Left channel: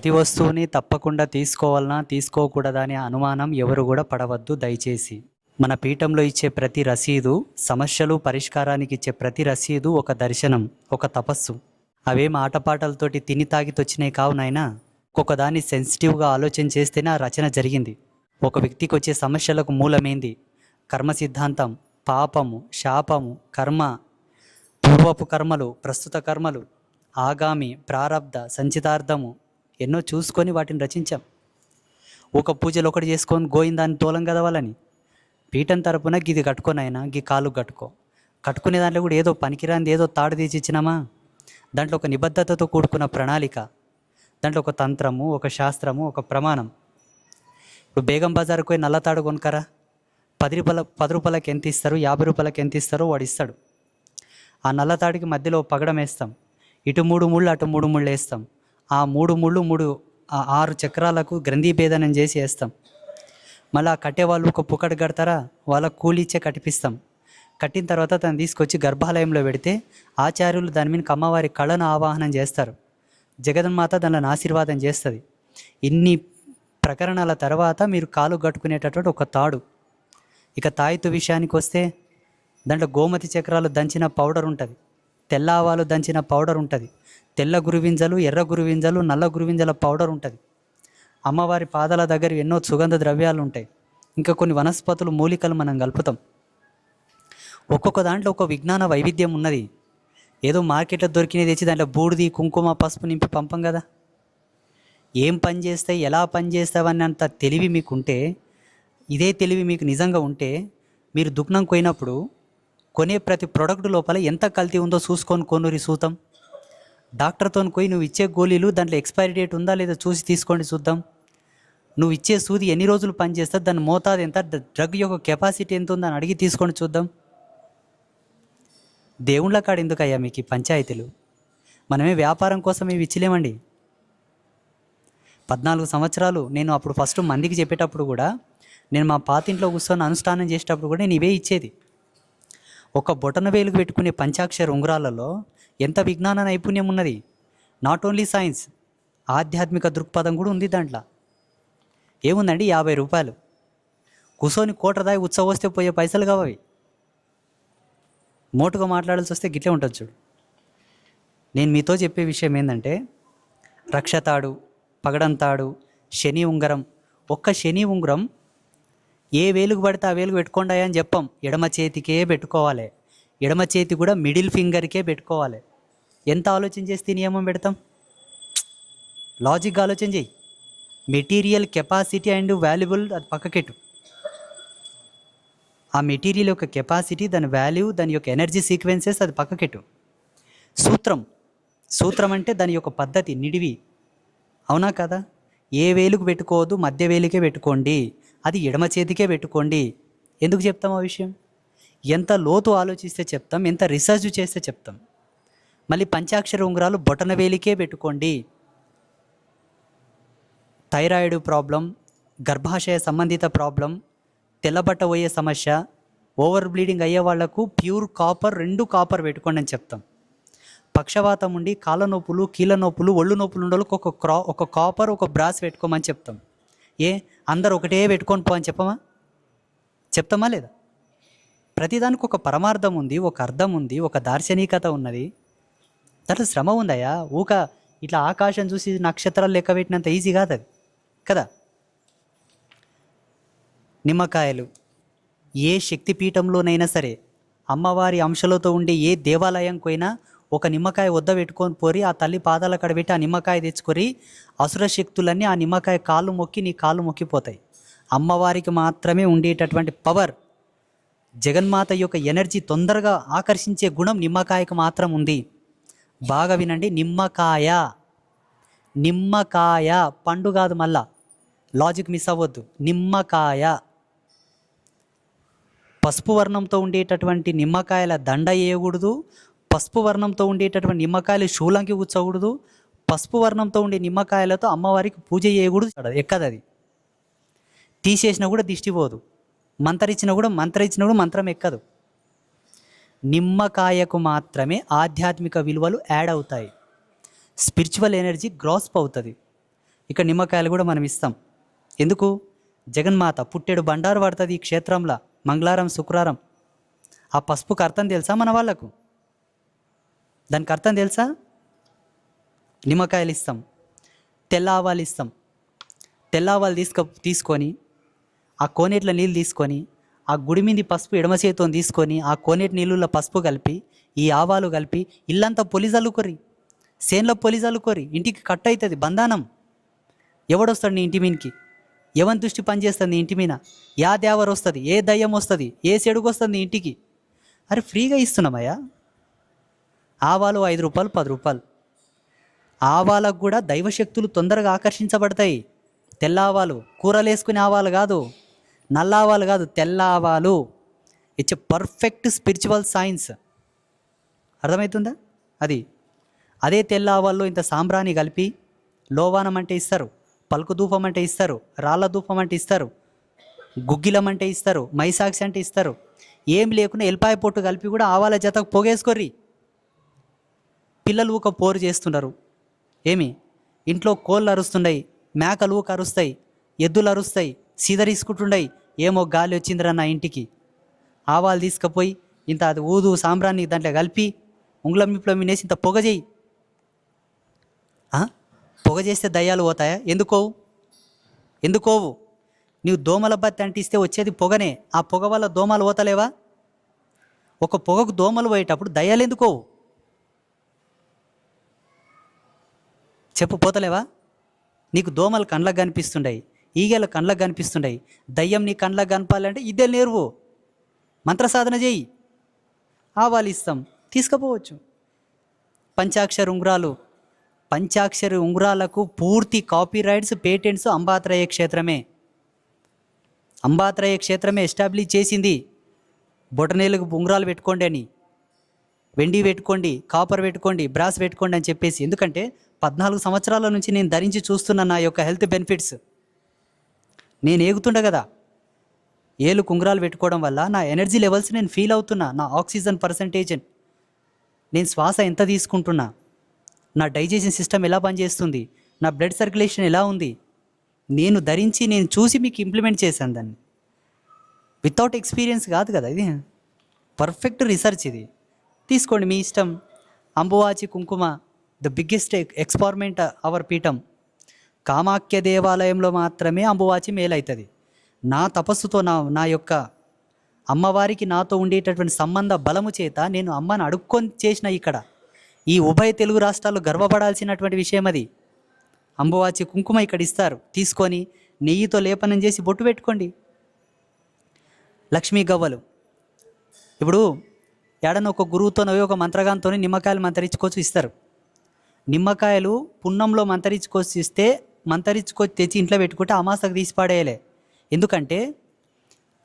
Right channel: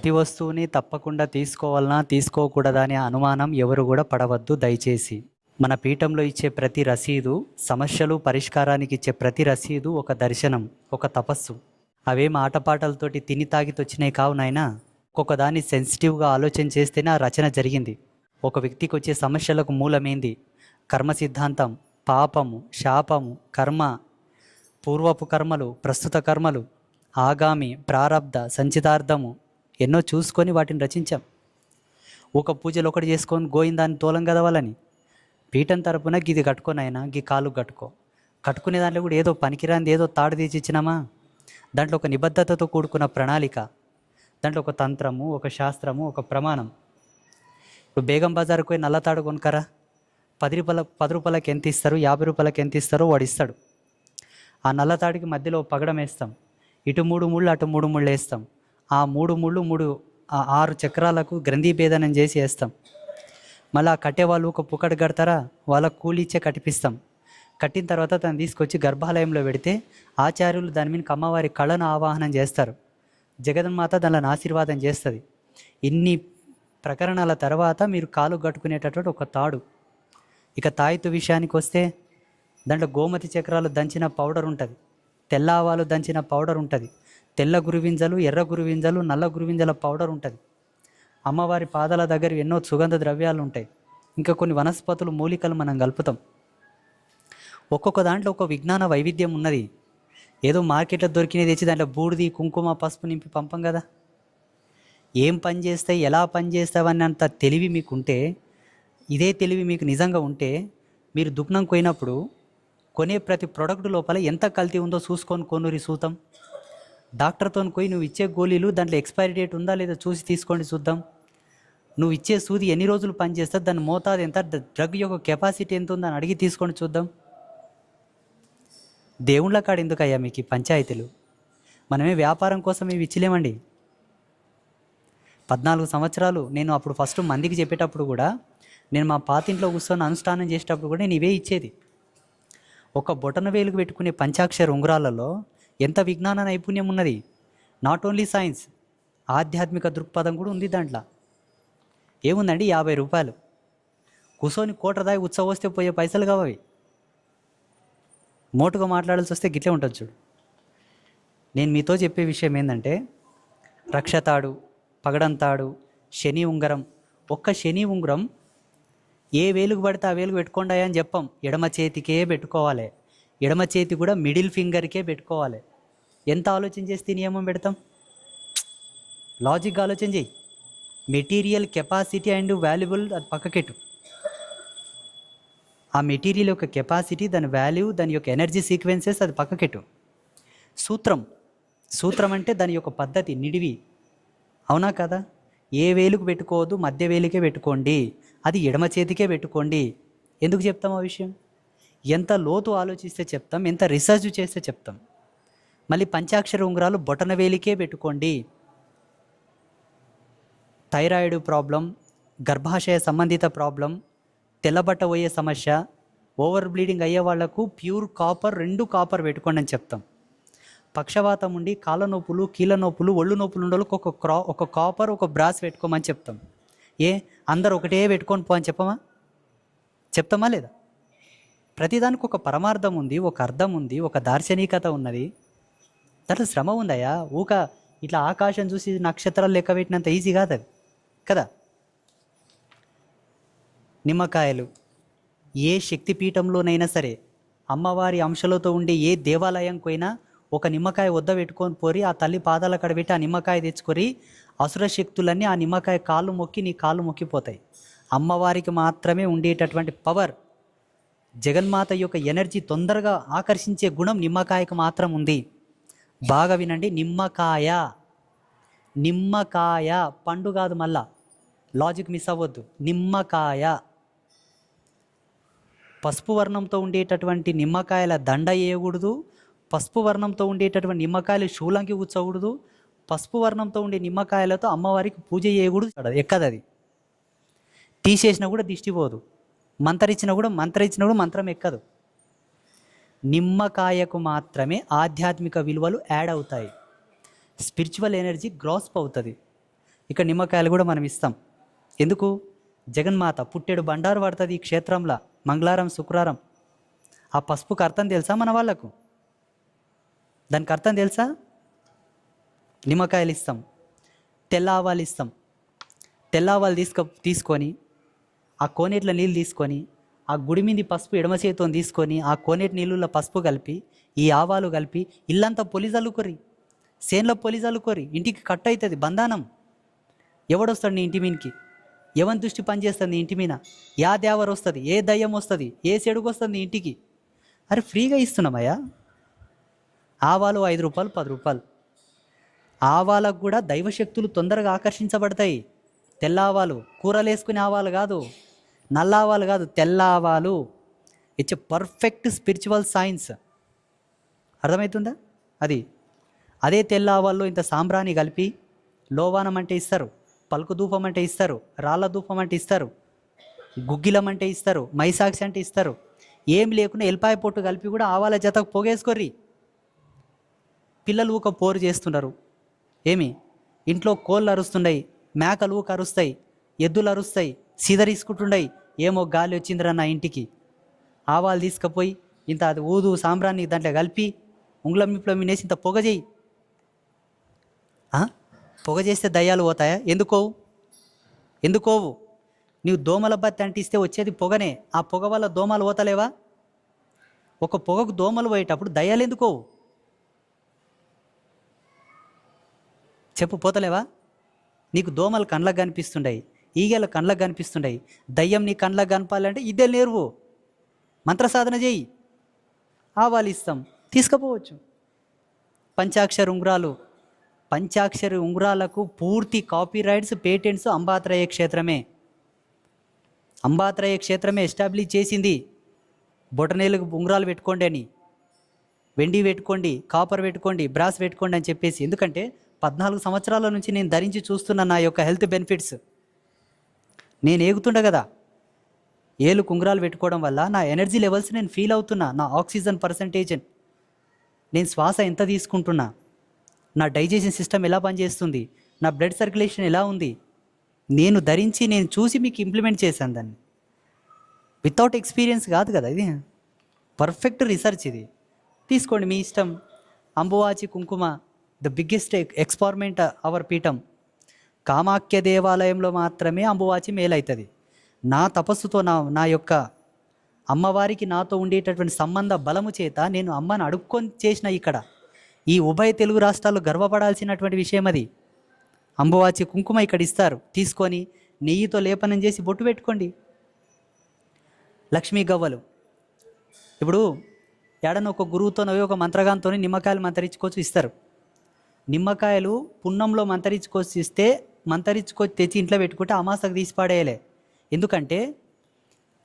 ప్రతి వస్తువుని తప్పకుండా తీసుకోవాలనా తీసుకోకూడదా అనే అనుమానం ఎవరు కూడా పడవద్దు దయచేసి. మన పీఠంలో ఇచ్చే ప్రతి రసీదు, సమస్యలు పరిష్కారానికి ఇచ్చే ప్రతి రసీదు ఒక దర్శనం, ఒక తపస్సు. అవేం ఆటపాటలతోటి తిని తాగితొచ్చినాయి కావు నాయనా. ఒక్కొక్కదాన్ని సెన్సిటివ్గా ఆలోచన చేస్తేనే ఆ రచన జరిగింది. ఒక వ్యక్తికి వచ్చే సమస్యలకు మూలమేంది? కర్మ సిద్ధాంతం, పాపము, శాపము, కర్మ, పూర్వపు కర్మలు, ప్రస్తుత కర్మలు, ఆగామి, ప్రారబ్ధ, సంచితార్థము ఎన్నో చూసుకొని వాటిని రచించాం. ఒక పూజలు ఒకటి చేసుకొని గోయిందాన్ని తోలం కదవాలని పీఠం తరపున గిది కట్టుకొనైనా గీ కాలు కట్టుకునే దాంట్లో కూడా ఏదో పనికిరాంది ఏదో తాడు తీసి ఇచ్చినామా? దాంట్లో ఒక నిబద్ధతతో కూడుకున్న ప్రణాళిక, దాంట్లో ఒక తంత్రము, ఒక శాస్త్రము, ఒక ప్రమాణం. ఇప్పుడు బేగం బజార్కి పోయి నల్లతాడు కొనుకరా, 10 రూపాయలకి ఎంత ఇస్తారు, 50 రూపాయలకి ఎంత ఇస్తారో వాడు ఇస్తాడు. ఆ నల్లతాడికి మధ్యలో పగడం వేస్తాం, ఇటు 3 ముళ్ళు అటు 3 ముళ్ళు వేస్తాం. ఆ 3 ముళ్ళు 6 చక్రాలకు గ్రంథి భేదనం చేసి వేస్తాం. మళ్ళీ కట్టేవాళ్ళు ఒక పుకట కడతారా, వాళ్ళకు కూలిచ్చే కట్టిపిస్తాం. కట్టిన తర్వాత తను తీసుకొచ్చి గర్భాలయంలో పెడితే ఆచార్యులు దాని మీద అమ్మవారి కళను ఆవాహనం చేస్తారు. జగన్మాత దానిని ఆశీర్వాదం చేస్తుంది. ఇన్ని ప్రకరణాల తర్వాత మీరు కాలు కట్టుకునేటటువంటి ఒక తాడు. ఇక తాయితు విషయానికి వస్తే దాంట్లో గోమతి చక్రాలు దంచిన పౌడర్ ఉంటుంది, తెల్ల ఆవాలు దంచిన పౌడర్ ఉంటుంది, తెల్ల గురువింజలు, ఎర్ర గురువింజలు, నల్ల గురువింజల పౌడర్ ఉంటుంది. అమ్మవారి పాదాల దగ్గర ఎన్నో సుగంధ ద్రవ్యాలు ఉంటాయి. ఇంకా కొన్ని వనస్పతులు, మూలికలు మనం కలుపుతాం. ఒక్కొక్క దాంట్లో ఒక విజ్ఞాన వైవిధ్యం ఉన్నది. ఏదో మార్కెట్లో దొరికినది తెచ్చి దాంట్లో బూడిది, కుంకుమ, పసుపు నింపి పంపం కదా. ఏం పని చేస్తాయి, ఎలా పని చేస్తావని అంత తెలివి మీకుంటే, ఇదే తెలివి మీకు నిజంగా ఉంటే, మీరు దుకాణం పోయినప్పుడు కొనే ప్రతి ప్రోడక్ట్ లోపల ఎంత కల్తీ ఉందో చూసుకొని కొనురి చూద్దాం. డాక్టర్తో పోయి నువ్వు ఇచ్చే గోళీలు దాంట్లో ఎక్స్పైరీ డేట్ ఉందా లేదా చూసి తీసుకోండి చూద్దాం. నువ్వు ఇచ్చే సూది ఎన్ని రోజులు పనిచేస్తుంది, దాని మోతాదు ఎంత, డ్రగ్ యొక్క కెపాసిటీ ఎంత ఉందని అడిగి తీసుకొని చూద్దాం. దేవుళ్ళ కాడ ఎందుకయ్యా మీకు ఈ పంచాయతీలు? మనమే వ్యాపారం కోసం ఇవి ఇచ్చలేమండి. 14 సంవత్సరాలు నేను అప్పుడు ఫస్ట్ మందికి చెప్పేటప్పుడు కూడా, నేను మా పాతింట్లో కూర్చొని అనుష్ఠానం చేసేటప్పుడు కూడా నేను ఇవే ఇచ్చేది. ఒక బొటన వేలుకు పెట్టుకునే పంచాక్షర ఉంగరాలలో ఎంత విజ్ఞాన నైపుణ్యం ఉన్నది. నాట్ ఓన్లీ సైన్స్, ఆధ్యాత్మిక దృక్పథం కూడా ఉంది దాంట్లో. ఏముందండి, 50 రూపాయలు కూర్చొని కోటదాయి ఉత్సవం వస్తే పోయే పైసలు కావాలి. మోటుగా మాట్లాడాల్సి వస్తే గిట్లే ఉంటుంది చూడు. నేను మీతో చెప్పే విషయం ఏంటంటే, రక్షతాడు, పగడంతాడు, శని ఉంగరం. ఒక్క శని ఉంగరం ఏ వేలుకు పడితే ఆ వేలుకు పెట్టుకోండి అని చెప్పాం. ఎడమ చేతికే పెట్టుకోవాలి. ఎడమ చేతి కూడా మిడిల్ ఫింగర్కే పెట్టుకోవాలి. ఎంత ఆలోచన చేస్తే నియమం పెడతాం? లాజిక్గా ఆలోచన చేయి. మెటీరియల్ కెపాసిటీ అండ్ వాల్యుబుల్ అది పక్కకెట్టు. ఆ మెటీరియల్ యొక్క కెపాసిటీ, దాని వాల్యూ, దాని యొక్క ఎనర్జీ సీక్వెన్సెస్ అది పక్కకెట్టు. సూత్రం అంటే దాని యొక్క పద్ధతి, నిడివి. అవునా కదా? ఏ వేలుకు పెట్టుకోవద్దు, మధ్య వేలుకే పెట్టుకోండి, అది ఎడమ చేతికే పెట్టుకోండి. ఎందుకు చెప్తాం ఆ విషయం? ఎంత లోతు ఆలోచిస్తే చెప్తాం, ఎంత రీసెర్చ్ చేస్తే చెప్తాం. మళ్ళీ పంచాక్షర ఉంగరాలు బొటన వేలికే పెట్టుకోండి. థైరాయిడ్ ప్రాబ్లం, గర్భాశయ సంబంధిత ప్రాబ్లం, తెల్లబట్ట పోయే సమస్య, ఓవర్ బ్లీడింగ్ అయ్యే వాళ్లకు ప్యూర్ కాపర్, 2 కాపర్ పెట్టుకోండి అని చెప్తాం. పక్షవాతం ఉండి కాళ్ళ నొప్పులు, కీళ్ళ నొప్పులు, ఒళ్ళు నొప్పులు ఉండే వాళ్ళకి ఒక కాపర్, ఒక బ్రాస్ పెట్టుకోమని చెప్తాం. అందరు ఒకటే పెట్టుకొని పో అని చెప్తామా లేదా? ప్రతిదానికి ఒక పరమార్థం ఉంది, ఒక అర్థం ఉంది, ఒక దార్శనికత ఉన్నది. దాంట్లో శ్రమ ఉందయ్యా. ఇట్లా ఆకాశం చూసి నక్షత్రాలు లెక్క పెట్టినంత ఈజీ కాదు అది కదా. నిమ్మకాయలు ఏ శక్తిపీఠంలోనైనా సరే, అమ్మవారి అంశలతో ఉండే ఏ దేవాలయంకి పోయినా ఒక నిమ్మకాయ వద్ద పెట్టుకొని పోరి, ఆ తల్లి పాదాల కడ పెట్టి ఆ నిమ్మకాయ తెచ్చుకొని, అసుర శక్తులన్నీ ఆ నిమ్మకాయ కాళ్ళు మొక్కి నీ కాళ్ళు మొక్కిపోతాయి. అమ్మవారికి మాత్రమే ఉండేటటువంటి పవర్, జగన్మాత యొక్క ఎనర్జీ తొందరగా ఆకర్షించే గుణం నిమ్మకాయకు మాత్రం ఉంది. బాగా వినండి, నిమ్మకాయ పండు కాదు, మళ్ళా లాజిక్ మిస్ అవ్వద్దు. నిమ్మకాయ పసుపు వర్ణంతో ఉండేటటువంటి నిమ్మకాయల దండ వేయకూడదు. పసుపు వర్ణంతో ఉండేటటువంటి నిమ్మకాయలు శూలంకి కూర్చోకూడదు. పసుపు వర్ణంతో ఉండే నిమ్మకాయలతో అమ్మవారికి పూజ చేయకూడదు. ఎక్కదు అది. తీసేసినా కూడా దిష్టి పోదు. మంత్రించినా కూడా మంత్రం ఎక్కదు. నిమ్మకాయకు మాత్రమే ఆధ్యాత్మిక విలువలు యాడ్ అవుతాయి. స్పిరిచువల్ ఎనర్జీ గ్రాస్ప్ అవుతుంది. ఇక నిమ్మకాయలు కూడా మనం ఇస్తాం. ఎందుకు? జగన్మాత పుట్టెడు బండారు పడుతుంది ఈ క్షేత్రంలో మంగళవారం శుక్రవారం. ఆ పసుపుకి అర్థం తెలుసా మన వాళ్ళకు? దానికి అర్థం తెలుసా? నిమ్మకాయలు ఇస్తాం, తెల్ల ఆవాలు ఇస్తాం. తెల్ల ఆవాలు తీసుకొని ఆ కోనేట్ల నీళ్ళు తీసుకొని ఆ గుడి మీద పసుపు ఎడమ చేతితో తీసుకొని ఆ కోనేటి నీళ్ళలో పసుపు కలిపి ఈ ఆవాలు కలిపి ఇల్లంతా పొలి చల్లుకోరి, సేన్లో పొలి చల్లుకోరి. ఇంటికి కట్ అవుతుంది బంధానం. ఎవడొస్తాడు నీ ఇంటి మీదకి? ఎవరి దృష్టి పనిచేస్తుంది నీ ఇంటి మీద? యా దేవరు వస్తుంది, ఏ దయ్యం వస్తుంది, ఏ చెడుగు వస్తుంది నీ ఇంటికి? అరే ఫ్రీగా ఇస్తున్నామయ్యా. ఆవాలు 5 రూపాయలు 10 రూపాయలు. ఆవాలకు కూడా దైవశక్తులు తొందరగా ఆకర్షించబడతాయి. తెల్ల ఆవాలు, కూరలు వేసుకునే ఆవాలు కాదు, నల్ల ఆవాలు కాదు, తెల్ల ఆవాలు. It's a perfect spiritual science. అర్థమవుతుందా? అదే తెల్ల ఆవాల్లో ఇంత సాంబ్రాణి కలిపి లోవానం అంటే ఇస్తారు, పలుకు ధూపం అంటే ఇస్తారు, రాళ్ళ ధూపం అంటే ఇస్తారు, గుగ్గిలం అంటే ఇస్తారు, మైసాక్సి అంటే ఇస్తారు. ఏం లేకుండా ఎల్పాయ పొట్టు కలిపి కూడా ఆవాల జతకు పొగేసుకొర్రి. పిల్లలు ఊక పోరు చేస్తున్నారు. ఏమి? ఇంట్లో కోళ్ళు అరుస్తున్నాయి, మేకలు ఊక అరుస్తాయి, ఎద్దులు అరుస్తాయి, సీదరీసుకుంటుండయి. ఏమో గాలి వచ్చిందిరా నా ఇంటికి. ఆవాలు తీసుకుపోయి ఇంత అది ఊదు సాంబ్రాన్ని దాంట్లో కలిపి ఉంగుళం మిప్పులం వినేసి ఇంత పొగ చేయి. పొగ చేస్తే దయ్యాలు పోతాయా? ఎందుకోవు? నీవు దోమల బత్తి అంటిస్తే వచ్చేది పొగనే. ఆ పొగ వల్ల దోమలు పోతలేవా? ఒక పొగకు దోమలు పోయేటప్పుడు దయ్యాలు ఎందుకోవు? చెప్పు, పోతలేవా? నీకు దోమలు కండ్లకు కనిపిస్తుండయి, ఈగలు కండ్లకు కనిపిస్తుండయి. దయ్యం నీ కండ్లకు కనపాలంటే ఇదే నేర్వు, మంత్ర సాధన చేయి. ఆవాలు ఇస్తాం, తీసుకుపోవచ్చు. పంచాక్షరి ఉంగరాలకు పూర్తి copy rights, patents Ambatraya క్షేత్రమే establish చేసింది. బొటనేలకు ఉంగరాలు పెట్టుకోండి అని, వెండి పెట్టుకోండి, కాపర్ పెట్టుకోండి, బ్రాస్ పెట్టుకోండి అని చెప్పేసి. ఎందుకంటే 14 సంవత్సరాల నుంచి నేను ధరించి చూస్తున్న నా యొక్క హెల్త్ బెనిఫిట్స్. నేను ఏగుతుండ కదా, ఏలు కుంగరాలు పెట్టుకోవడం వల్ల నా ఎనర్జీ లెవెల్స్ నేను ఫీల్ అవుతున్నా, నా ఆక్సిజన్ పర్సంటేజ్, నేను శ్వాస ఎంత తీసుకుంటున్నా, నా డైజెషన్ సిస్టమ్ ఎలా పనిచేస్తుంది, నా బ్లడ్ సర్క్యులేషన్ ఎలా ఉంది, నేను ధరించి నేను చూసి మీకు ఇంప్లిమెంట్ చేశాను దాన్ని. వితౌట్ ఎక్స్పీరియన్స్ కాదు కదా ఇది, పర్ఫెక్ట్ రీసెర్చ్ ఇది. తీసుకోండి, మీ ఇష్టం. అంబువాచి కుంకుమ ద బిగ్గెస్ట్ ఎక్స్పెరిమెంట్ అవర్ పీఠం. కామాఖ్య దేవాలయంలో మాత్రమే అంబువాచి మేలవుతుంది. నా తపస్సుతో నా యొక్క అమ్మవారికి నాతో ఉండేటటువంటి సంబంధ బలము చేత నేను అమ్మని అడుక్కొని చేసిన ఇక్కడ ఈ ఉభయ తెలుగు రాష్ట్రాల్లో గర్వపడాల్సినటువంటి విషయం అది. అంబువాచి కుంకుమ ఇక్కడ ఇస్తారు, తీసుకొని నెయ్యితో లేపనం చేసి బొట్టు పెట్టుకోండి. లక్ష్మీ గవ్వలు, ఇప్పుడు ఏడన్నా ఒక గురువుతోనో ఒక మంత్రగాంతో నిమ్మకాయలు మంతరించుకొచ్చి ఇస్తారు. నిమ్మకాయలు పున్నంలో మంతరించుకొచ్చి తెచ్చి ఇంట్లో పెట్టుకుంటే అమాసకు తీసి పడేయలే. ఎందుకంటే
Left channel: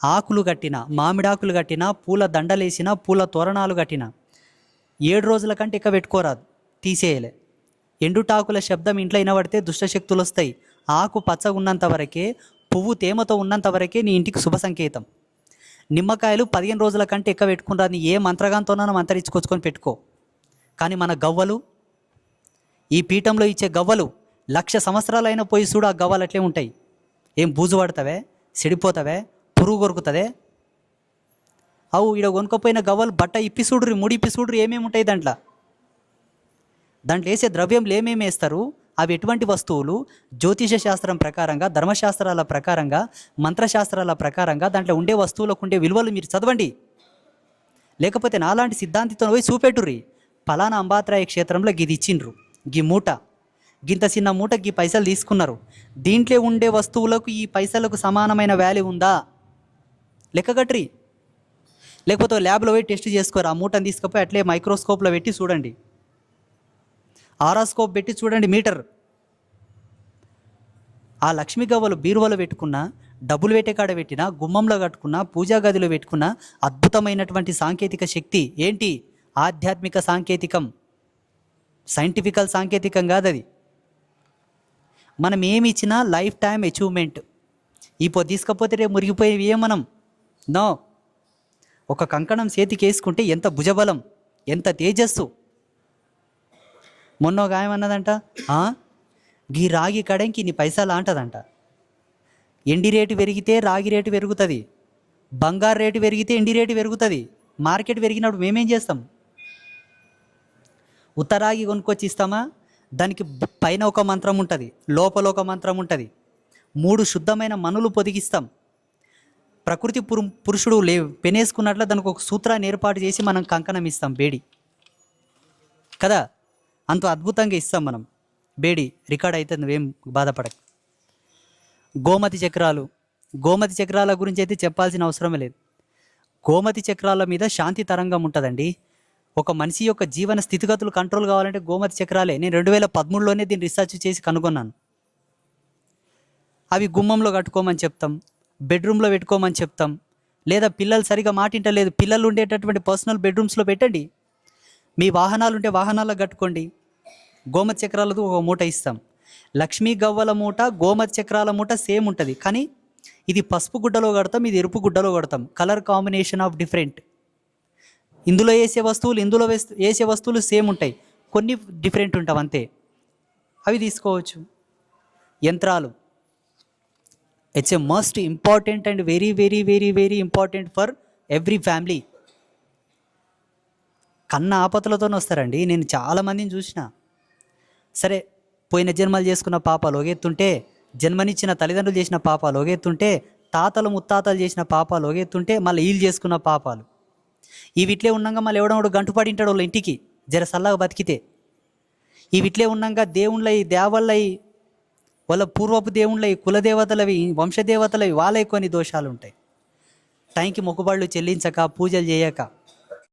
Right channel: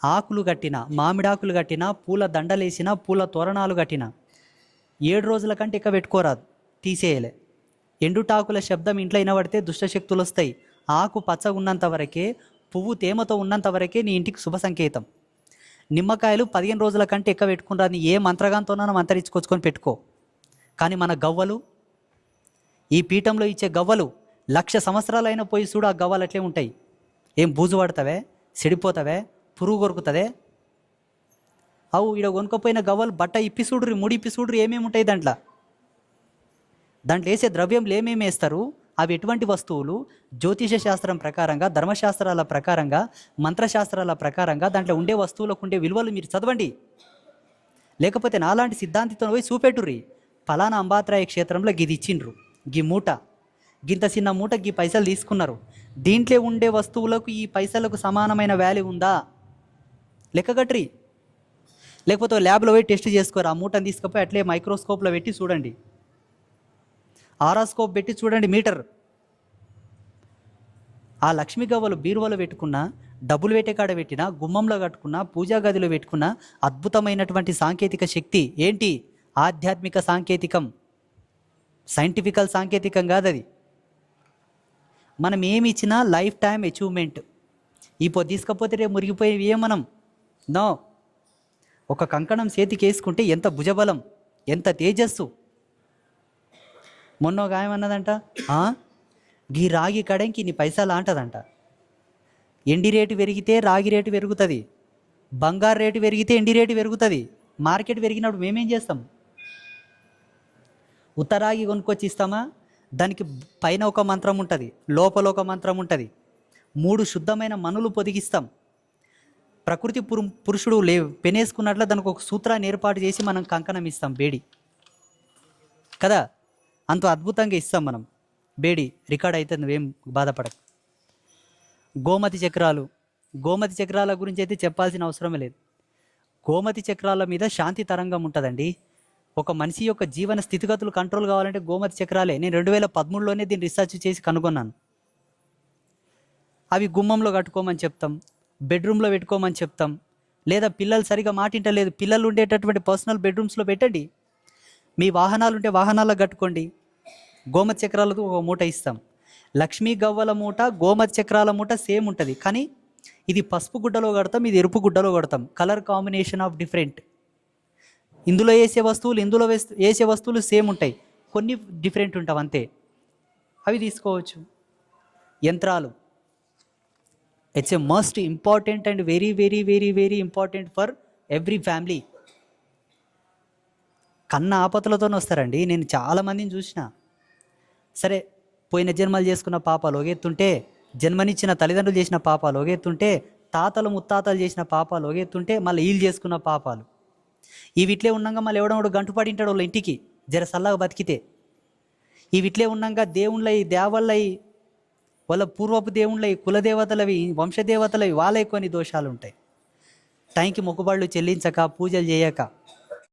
ఆకులు కట్టిన, మామిడాకులు కట్టిన, పూల దండలేసిన, పూల తోరణాలు కట్టిన 7 రోజుల కంటే ఎక్కువ పెట్టుకోరాదు, తీసేయలే. ఎండుటాకుల శబ్దం ఇంట్లో వినబడితే దుష్టశక్తులు వస్తాయి. ఆకు పచ్చగా ఉన్నంత వరకే, పువ్వు తేమతో ఉన్నంత వరకే నీ ఇంటికి శుభ సంకేతం. నిమ్మకాయలు 15 రోజుల కంటే ఎక్కువ పెట్టుకుంటాను. ఏ మంత్రగాంతోనైనా మంతరించుకొచ్చుకొని పెట్టుకో. కానీ మన గవ్వలు, ఈ పీఠంలో ఇచ్చే గవ్వలు 1,00,000 సంవత్సరాలైనా పోయి చూడు, ఆ గవ్వలు అట్లే ఉంటాయి. ఏం బూజు పడతావే, చెడిపోతావే, పురుగు కొరుకుతుంది. అవు ఈడ కొనుక్కపోయిన గవ్వలు బట్ట ఇప్పి చూడ్రి, ముడి ఇప్పి చూడ్రి, ఏమేమి ఉంటాయి దాంట్లో వేసే ద్రవ్యంలు ఏమేమి వేస్తారు, అవి ఎటువంటి వస్తువులు, జ్యోతిష శాస్త్రం ప్రకారంగా, ధర్మశాస్త్రాల ప్రకారంగా, మంత్రశాస్త్రాల ప్రకారంగా దాంట్లో ఉండే వస్తువులకు ఉండే విలువలు మీరు చదవండి. లేకపోతే నాలాంటి సిద్ధాంతితో పోయి చూపెట్టుర్రి. ఫలానా అంబాత్రాయ క్షేత్రంలో గిది ఇచ్చిండ్రు, గీ మూట, గింత చిన్న మూట, గీ పైసలు తీసుకున్నారు, దీంట్లో ఉండే వస్తువులకు ఈ పైసలకు సమానమైన వాల్యూ ఉందా లెక్కగట్రి. లేకపోతే ల్యాబ్లో పోయి టెస్ట్ చేసుకోరు. ఆ మూటను తీసుకుపోయి అట్లే మైక్రోస్కోప్లో పెట్టి చూడండి, ఆరాస్కోప్ పెట్టి చూడండి మీటర్. ఆ లక్ష్మీ గవ్వలు బీరువలో పెట్టుకున్న, డబ్బులు పెట్టే కాడ పెట్టినా, గుమ్మంలో కట్టుకున్న, పూజా గదిలో పెట్టుకున్న అద్భుతమైనటువంటి సాంకేతిక శక్తి. ఏంటి? ఆధ్యాత్మిక సాంకేతికం, సైంటిఫికల్ సాంకేతికం కాదది. మనం ఏమి ఇచ్చినా లైఫ్ టైం అచీవ్మెంట్. ఇప్పుడు తీసుకపోతే రేపు మురిగిపోయేవి మనం నో. ఒక కంకణం చేతికి వేసుకుంటే ఎంత భుజబలం, ఎంత తేజస్సు. మొన్న ఒక ఆయన అన్నదంట, గీ రాగి కడంకి ఇన్ని పైసలు అంటదంట. ఎండి రేటు పెరిగితే రాగి రేటు పెరుగుతుంది, బంగారు రేటు పెరిగితే ఎండి రేటు పెరుగుతుంది. మార్కెట్ పెరిగినప్పుడు మేమేం చేస్తాం? ఉత్తరాగి కొనుక్కొచ్చి ఇస్తామా? దానికి పైన ఒక మంత్రం ఉంటుంది, లోపల ఒక మంత్రం ఉంటుంది. 3 శుద్ధమైన మనులు పొదిగిస్తాం. ప్రకృతి పురుషుడు పెనేసుకున్నట్లు దానికి ఒక సూత్రాన్ని ఏర్పాటు చేసి మనం కంకణం ఇస్తాం, బేడి కదా. అంత అద్భుతంగా ఇస్తాం మనం బేడి. రికార్డ్ అయితే నువ్వేం బాధపడకు. గోమతి చక్రాల గురించి అయితే చెప్పాల్సిన అవసరమే లేదు. గోమతి చక్రాల మీద శాంతి తరంగం ఉంటుందండి. ఒక మనిషి యొక్క జీవన స్థితిగతులు కంట్రోల్ కావాలంటే గోమతి చక్రాలే. నేను 2013లోనే దీన్ని రీసెర్చ్ చేసి కనుగొన్నాను. అవి గుమ్మంలో కట్టుకోమని చెప్తాం, బెడ్రూమ్లో పెట్టుకోమని చెప్తాం. లేదా పిల్లలు సరిగా మాటింటలేదు, పిల్లలు ఉండేటటువంటి పర్సనల్ బెడ్రూమ్స్లో పెట్టండి. మీ వాహనాలు ఉంటే వాహనాల్లో కట్టుకోండి. గోమతి చక్రాలతో ఒక మూట ఇస్తాం. లక్ష్మీ గవ్వల మూట, గోమతి చక్రాల మూట సేమ్ ఉంటుంది, కానీ ఇది పసుపు గుడ్డలో కడతాం, ఇది ఎరుపు గుడ్డలో కడతాం. Colour combination of different. ఇందులో వేసే వస్తువులు, ఇందులో వేసే వస్తువులు సేమ్ ఉంటాయి, కొన్ని డిఫరెంట్ ఉంటాం అంతే. అవి తీసుకోవచ్చు. యంత్రాలు, it's a must important and very very very very important for every family. కన్న ఆపదలతో వస్తారండి. నేను చాలామందిని చూసిన. సరే, పోయిన జన్మలు చేసుకున్న పాపాలు ఒగెత్తుంటే, జన్మనిచ్చిన తల్లిదండ్రులు చేసిన పాపాలు ఒగెత్తుంటే, తాతలు ముత్తాతలు చేసిన పాపాలు ఒగెత్తుంటే, మళ్ళీ వీళ్ళు చేసుకున్న పాపాలు వీటిలే ఉన్నాక మళ్ళీ ఎవడో గంటుపడి ఉంటాడు వాళ్ళ ఇంటికి, జర సల్లగా బతికితే. వీటిలే ఉన్నాక దేవుళ్ళవి, దేవళ్ళవి, వాళ్ళ పూర్వపు దేవుళ్ళవి, కులదేవతలవి, వంశదేవతలవి, వాళ్ళవి కొన్ని దోషాలు ఉంటాయి. టైంకి మొక్కుబళ్ళు చెల్లించక, పూజలు చేయక,